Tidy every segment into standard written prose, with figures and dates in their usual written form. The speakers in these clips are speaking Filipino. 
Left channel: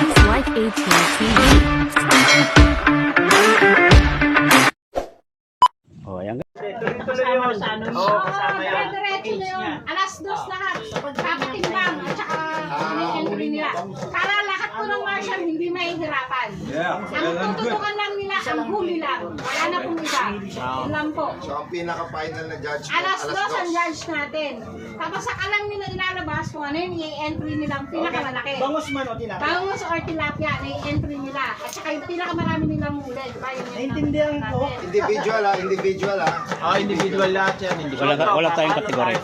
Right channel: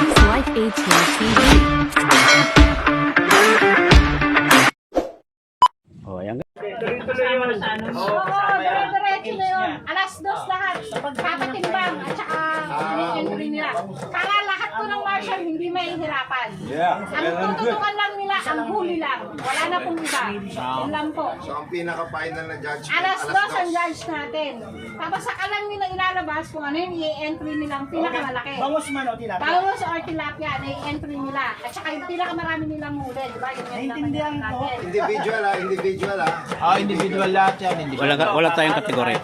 It's like 18 TV. Oh, ayan. Kasama sa ano? Oo, dire-diretso na yun. Alas 2 lahat. Papatimbang at saka entry nila. Para lahat po ng marshal hindi mahihirapan. Ang tututukan lang nila, ang huli lang. Wala na pong iba. Yun lang po. So, ang pinaka-final na judge po, Alas 2 ang judge natin. Tapos saka lang nila ilalabas kung ano yung i-entry nilang pinakamalaki. Bangus man o tilapia? Bangus or tilapia, i-entry nila. At saka yung pinakamarami nilang huli. Diba? Yun yung Naintindihan ko. natin. Individual individual Individual lahat yan. Wala tayong kategory.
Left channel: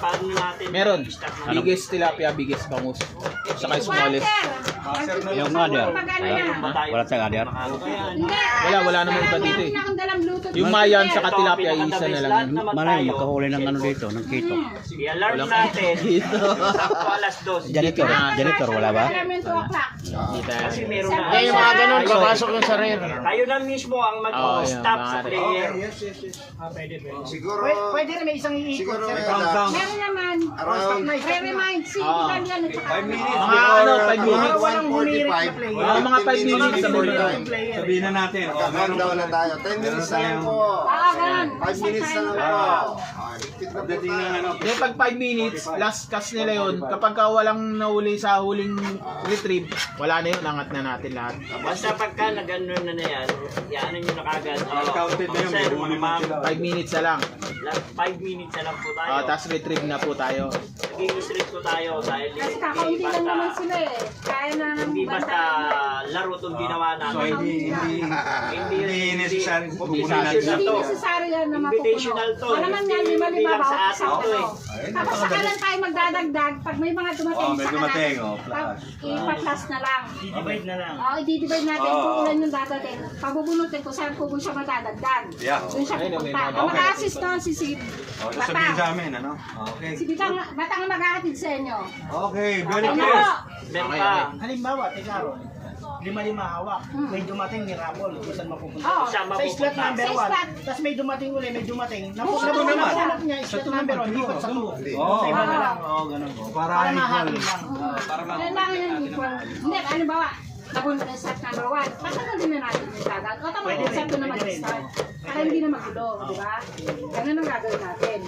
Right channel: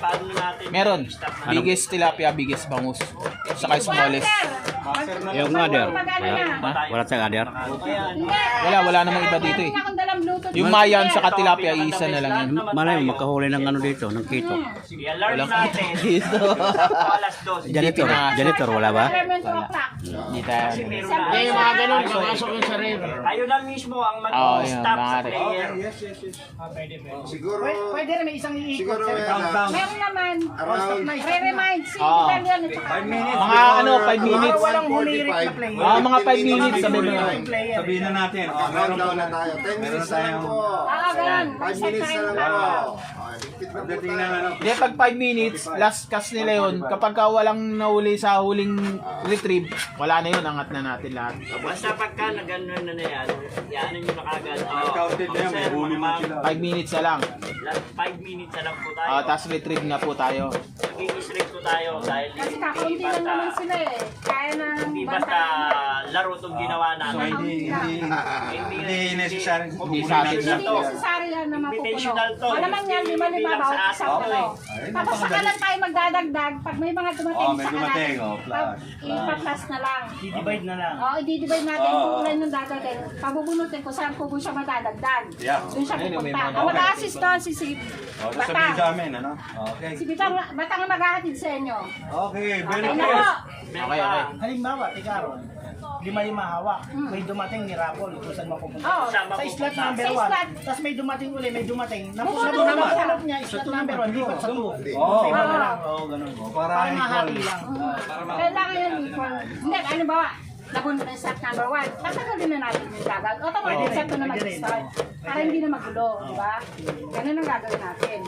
Meron. Biggest tilapia, biggest bangus. Saka smallest. Yung other. Wala tayong other. Wala namang iba dito eh. Yung mayan sa tilapia, isa na lang yun. Malay mo, makahuli ng ano dito, ng kito. I-alarm natin. Sakto alas 2. Janitor, wala ba? Kasi meron na. Yung mga ganun, papasok yung sa red. Kayo na mismo ang mag-stop sa player. Siguro, Pwede rin may isang siguro iikot. Meron naman. around May remind. Sige, depende yan. 5 minutes. Mga ano, 5 minutes. 1:45. Mga 5 minutes. Sabihin na natin. Countdown na tayo. 10 minutes na lang po. Ganun. 5 minutes na lang po. Ligpit na po tayo. Hindi, pag 5 minutes, last cast nila yun. Kapag walang nahuli sa huling retrieve, wala na yun, angat na natin lahat. Basta pagka nag-ano na yan, yanan nyo na kagad. Counted na yan, may huli mo sila. 5 minutes na lang. 5 minutes na lang po tayo. Tapos retrieve na po tayo. Nag-i-strip po tayo dahil Kasi kakaunti lang naman sila eh. Kaya na hindi basta laro itong ginawa natin. Hindi necessary. Hindi necessary yan na mapupuno. Invitational to. Wala lang yan, Hindi lima-lima lang sa ba? atin to eh. Tapos saka lang tayo magdadagdag pag may mga dumating sa kanan. Ipa-plus na lang. I-divide na lang. Oo, i-divide natin kung ulan yung dadagdag. Pabubunutin ko saan po siya madadagdag. Doon siya pupunta. Ang mag-assist doon si Sid. Sabihin sa amin, ano? Okay. Si Batang ang mag-ahatid sa inyo. Okay, very Okay na good. po. Meron pa. Halimbawa, tigaron. 5 hawak. May dumating ni Rapol. Kung saan mapupunta. Oo. Saan Sa slot mapupunta? number Sa 1. slot. Tapos may dumating uli, may dumating. Bumoto naman. Napulap niya, slot number 1. Lipat sa 2. Oo. Sa iba na lang. Ganun po. Para mahati lang. Kailangan yun equal. Hindi, ano ba? Nabunod na yung set number 1. Pasagal din na natin yung gagawin. Automatic set ko na mag-start. Para hindi na magulo, di ba? Ganun ang gagawin natin.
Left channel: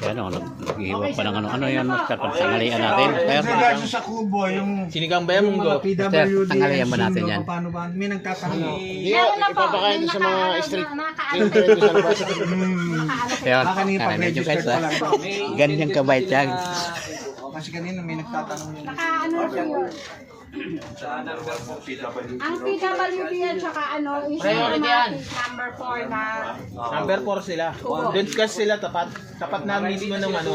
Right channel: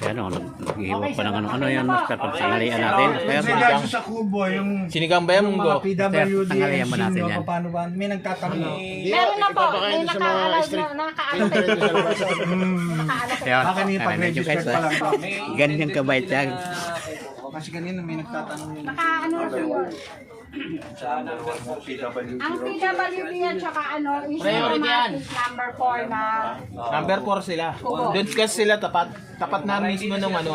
Yan o, nag-ihiwa pa ng ano yan, master, pag tanghalian natin. Master, sa kubo, yung Sinigang ba yung munggo? master, tanghalian ba natin yan? paano ba? May nagtatanong. Meron na po. Ipapakain sa mga street. Kaya, medyo guys ha. Ganyan kabait yan. Kasi kanina may nagtatanong yun. Ang PWB at saka ano, is number 4 na Number 4 sila. Doon kasi sila tapat. Tapat na mismo ng ano.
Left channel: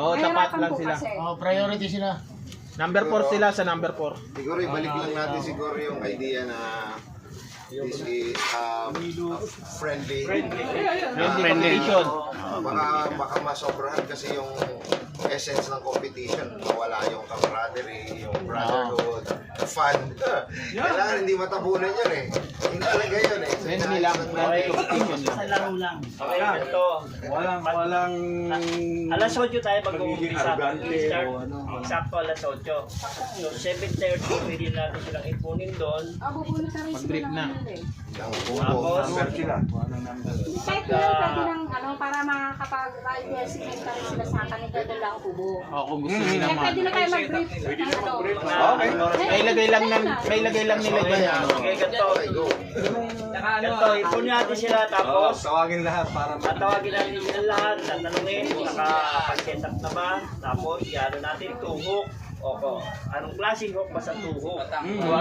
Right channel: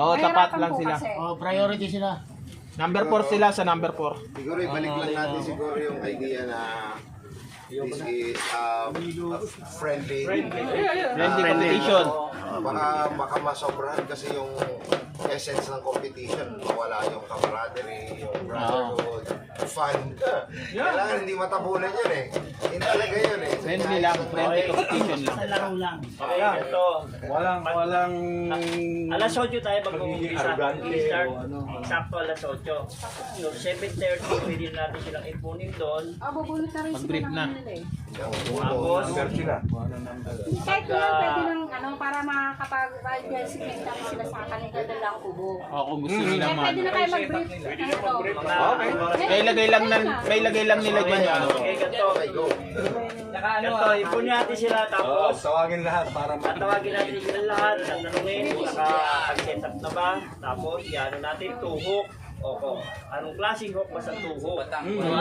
Oo, tapat lang sila. Priority sila. Number 4 sila sa number 4. Siguro ibalik lang natin siguro yung idea na this is friendly. Friendly competition. Baka masobrahan kasi yung essence ng competition. Mawala yung camaraderie, yung brotherhood, fun. Kailangan hindi matabunan yun eh. Hindi talaga yun eh. Friendly lang. Friendly competition lang. Sa laro lang. Okay, ito. Walang Alas 8 tayo Magiging mag-umpisa. arrogante Start. o ano. Eksakto alas 8. So, 7:30, pwede natin silang ipunin doon. bubunot na rin sila Mag-brief ng na. ano eh. Tapos, Kahit yun, pwede lang ano, para makakapag-diversify ka rin sila sa kanila lang kubo. Kung gusto nyo Kaya naman. pwede na kayo mag-brief. May lagay lang nila dyan ano. okay, ganito. Ganito, ipunin natin sila tapos Tawagin lahat para tatawagin natin sila lahat, tatanungin, nakapag-set up na ba, tapos ano natin, tuhok. Opo. Anong klaseng hook basta tuhok?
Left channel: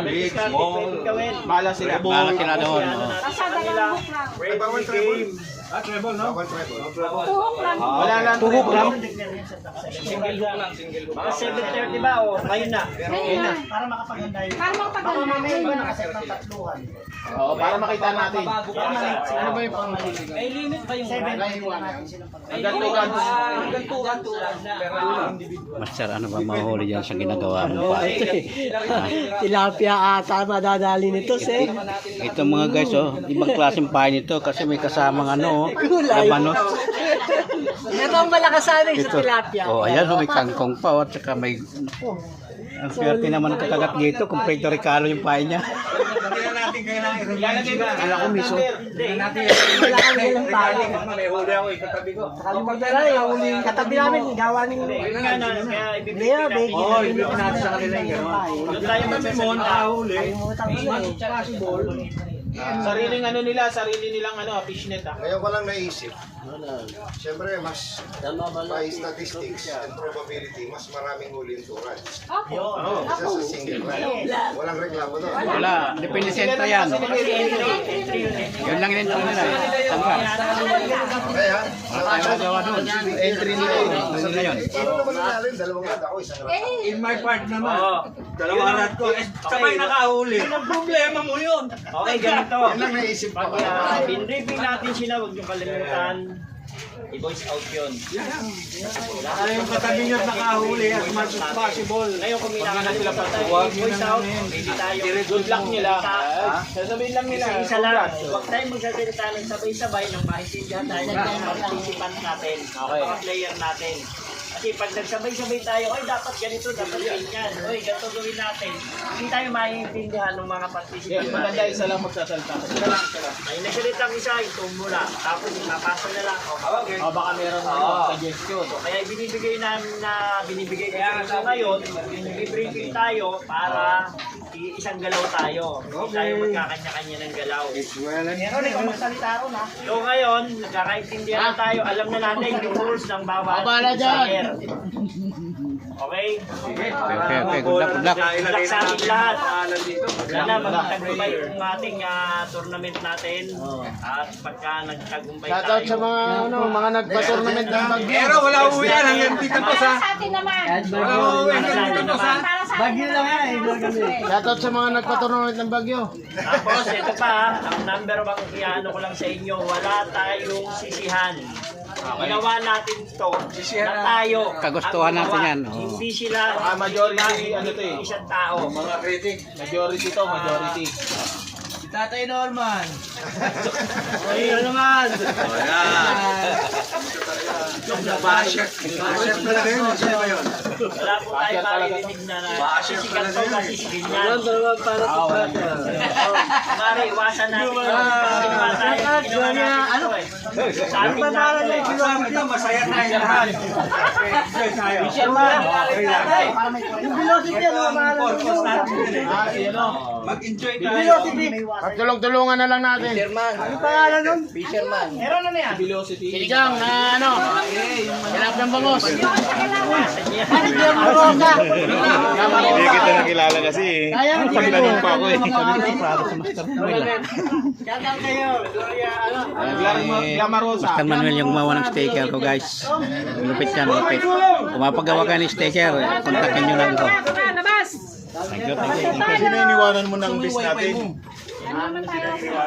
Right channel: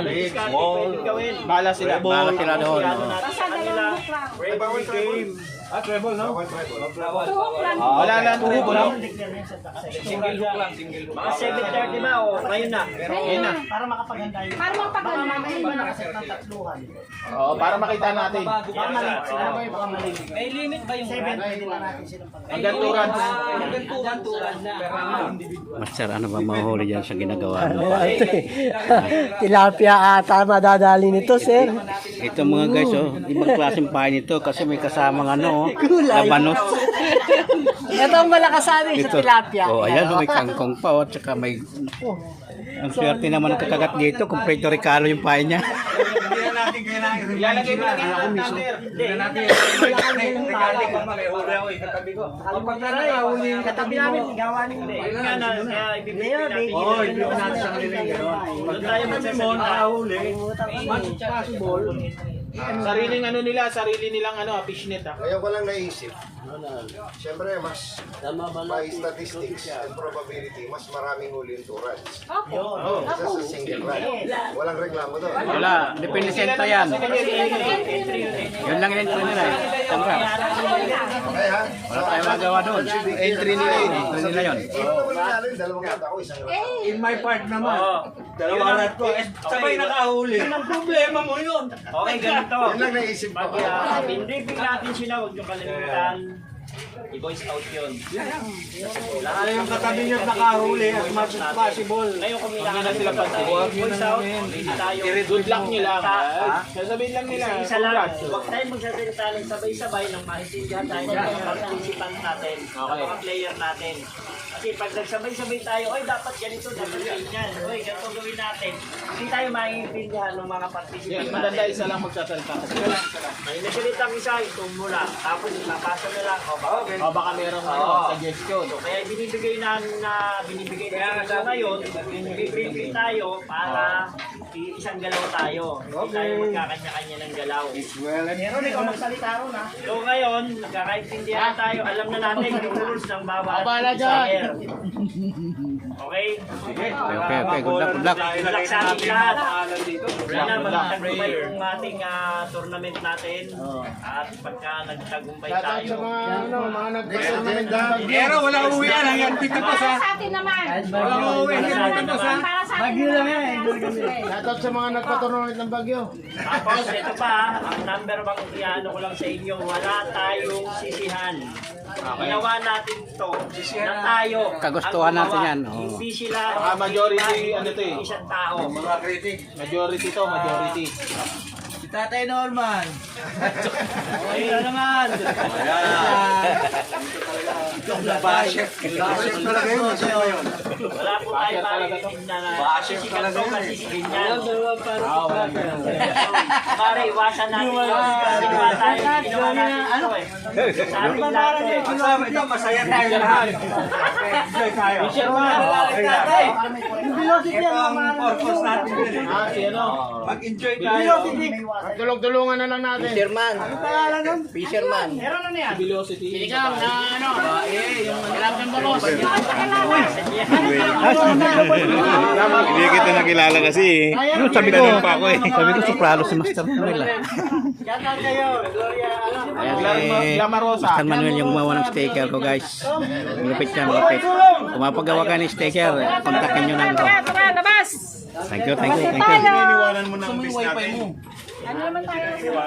Big, small. Bahala sila. Bahala sila doon. oo. Basta dalawang hook lang. Friendly game. treble, no? Tuhok lang. Wala lang. Tuhog lang. Single hook lang, single hook. Mga 7:30 ba? O, ngayon na. Ayun na. Para makapaganda yun. Para mapagano May natin. iba nakaset ng tatluhan. Oo, para makita natin. Ano ba yung pangmaliit? May limit ba yung 7? Pwede lang natin silang Hanggang 2 runs. Master, ano ba mahuli dyan sa ginagawa mo pa? Tilapia ata madadali nito, sir. Ito mga guys, oh, ibang klaseng pain ito kasi may kasamang ano, oh, labanos. Ito ang malakasan sa Ito. tilapia. Oh, ayan, may kangkong pa, at saka may... Oh, ang swerte naman ng kakagat dito, kung Puerto Ricano yung pain niya. Ilalagay mo lang ako miso. Kapag na nahuli yung katabi namin, gawa ng... Kaya ibibigay natin yun. sa kanila yung gano'n. Doon tayo magsasalita. Sariling ano nila, sarili nilang ano, fishnet ah. Ngayon ko lang naisip. Siyempre, mas by statistics and probability, mas maraming huli yung turad. Isa sa single run. Walang reklamo doon. Wala, depende sento yan. Yun lang yung nila eh. Sangka. Eh ha? Wala tayong magawa doon. Entry nila yun. Entry nila yun. Ito naman natin, dalawang rad ako, isang rad. In my part naman. Dalawa rat ko. Sabay nakahuli. Ang problema mo yun. Okay, ganito. Yun lang naisip ko. Pag pinripig natin sila, huwag niyong kalimutan. I-voice out yun. Lahat yung katabi nyo nakahuli as much as possible. Ngayon kung may nakakalimutan tayo, i-voice out, hindi tayo. Good luck nila. Ha? Sasabihin lang nila. Isa lang, huwag tayong magsasalita ng sabay-sabay nang maintindihan tayo ng mga participant natin, ng mga player natin. Kasi pag nagsabay-sabay tayo, oy dapat ganito, dapat ganyan, oy ganito gawin natin. Hindi tayo maintindihan ng mga participant Maganda natin. isa lang magsasalita. May nagsalita ang isa, ito muna. Tapos napasa na lang, okay. O baka meron suggestion. So, kaya binibigay namin so ngayon, i-briefing tayo para isang galaw tayo. Hindi tayo magkakanya-kanya ng galaw. Meron ikaw magsalita ron ha. So ngayon, nagkakaintindihan na tayo. Alam na natin yung rules ng bawat player. Okay? Okay. Good luck, good luck. Good luck sa ating lahat. Sana magtagumpay yung ating tournament natin. At pagka nagtagumpay tayo. mga nagpa-tournament na. Pero wala uwi yan. Hanggang dito pa sa... Para sa atin naman. Para sa atin naman. Para sa atin naman. Shoutout sa mga nagpa-tournament ng Bagyo. Tapos ito pa, ang number one iano ko lang sa inyo, wala tayong sisihan. Ginawa natin to na tayo. Kagustuhan ang natin gumawa. yan, oo. Hindi sila Majority, ano to eh. isang tao. Mga critic. Majority to, majority. Si Tatay Norman. Ay, naman. Basher. Basher talaga yun. Sino yun? Wala po tayo parinig na sisikat to kasi si ganyan. Mare, iwasan natin yun. Ginawa natin ito eh. Sa ating lahat eh. Kasama ito, masaya tayo lahat. Enjoy tayo. Yung velocity ang mamahalan Purpose natin yun eh. Mag-enjoy tayo. Tulong-tulungan na lang natin. Ang pangalan nun? Meron na niya. Velocity. Sinigang na ano, hirap ng bangos. Hindi kita nakilala kasi eh. Sabi na nung pa ako eh. Sabi ko, soprano si Master Manuel. Shoutout kayo. Gloria, ano? Master Manuel yung gumawa ng sticker ko guys. Lupit yan, lupit. Kung mapagawa ka ng sticker, kontakin nyo lang ko. Labas! Thank you, thank you, thank you. Iniwanan mo ng bis natin. Ano naman tayo sa